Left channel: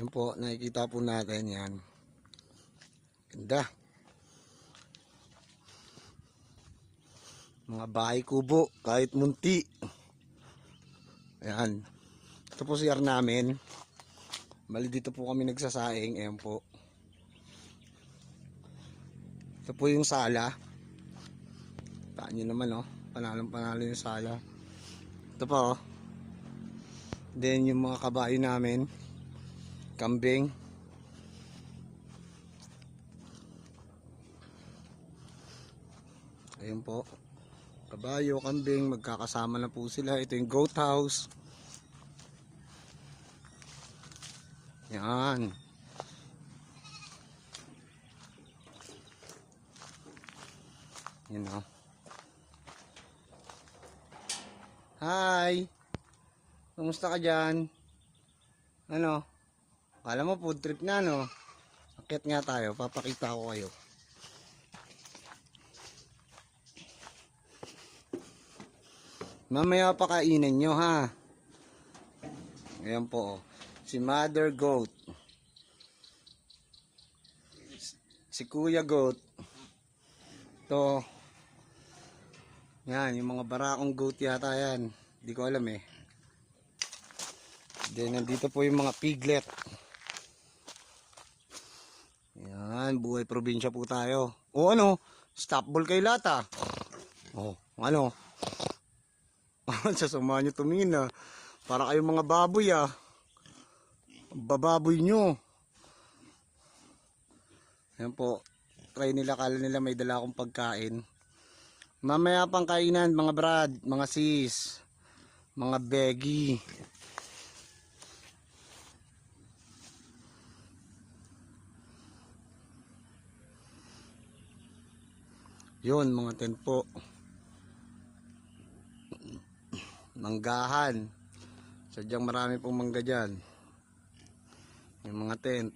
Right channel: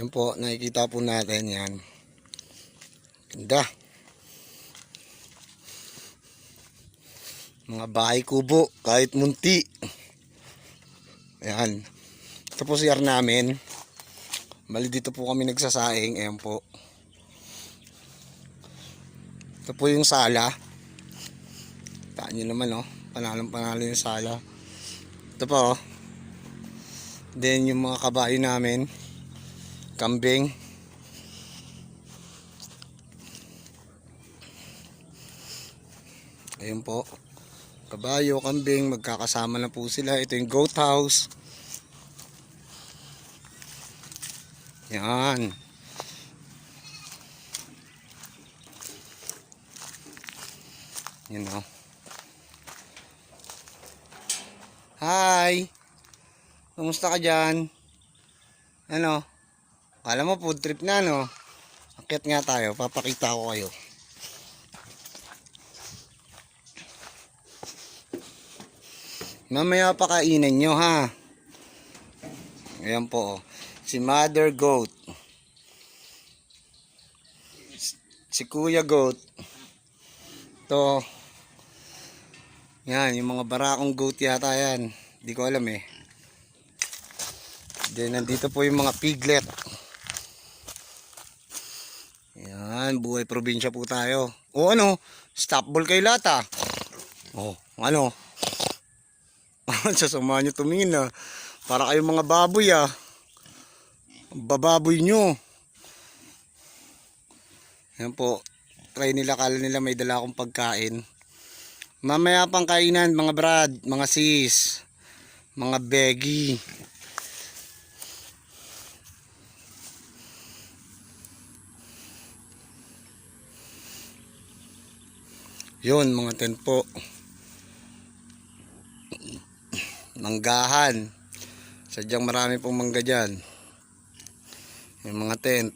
Yan po, nakikita po natin yan. Ganda. Mga bahay kubo, kahit munti. Ayan. Ito po CR namin. Bali dito po kami nagsasaing. Ayan po. Ito po yung sala. Taan nyo naman oh. Panalong-panalo yung sala. Ito po oh. Then yung mga kabayo namin. Kambing. Ayun po. Kabayo, kambing, magkakasama na po sila. Ito yung goat house. Yan. Yun o. Hi! Kumusta ka dyan? Ano? Akala mo food trip na no? Akyat nga tayo, papakita ko kayo. Mamaya pakainin nyo ha. Ayan po. Si Mother Goat. Si Kuya Goat. Ito. Yan, yung mga barakong goat yata yan. Hindi ko alam eh. Then nandito po yung mga piglet. Yan, buhay probinsya po tayo. O ano, stop ball kay lata. O, ano? Sasama nyo tumingin ah. Para kayong mga baboy ah. Bababoy nyo. Yan po. Try nila, kala nila may dala akong pagkain. Mamaya pang kainan mga brad, mga sis, mga beggy. Yun mga tent po. Manggahan. Sadyang marami pong mangga dyan. Yung mga tent.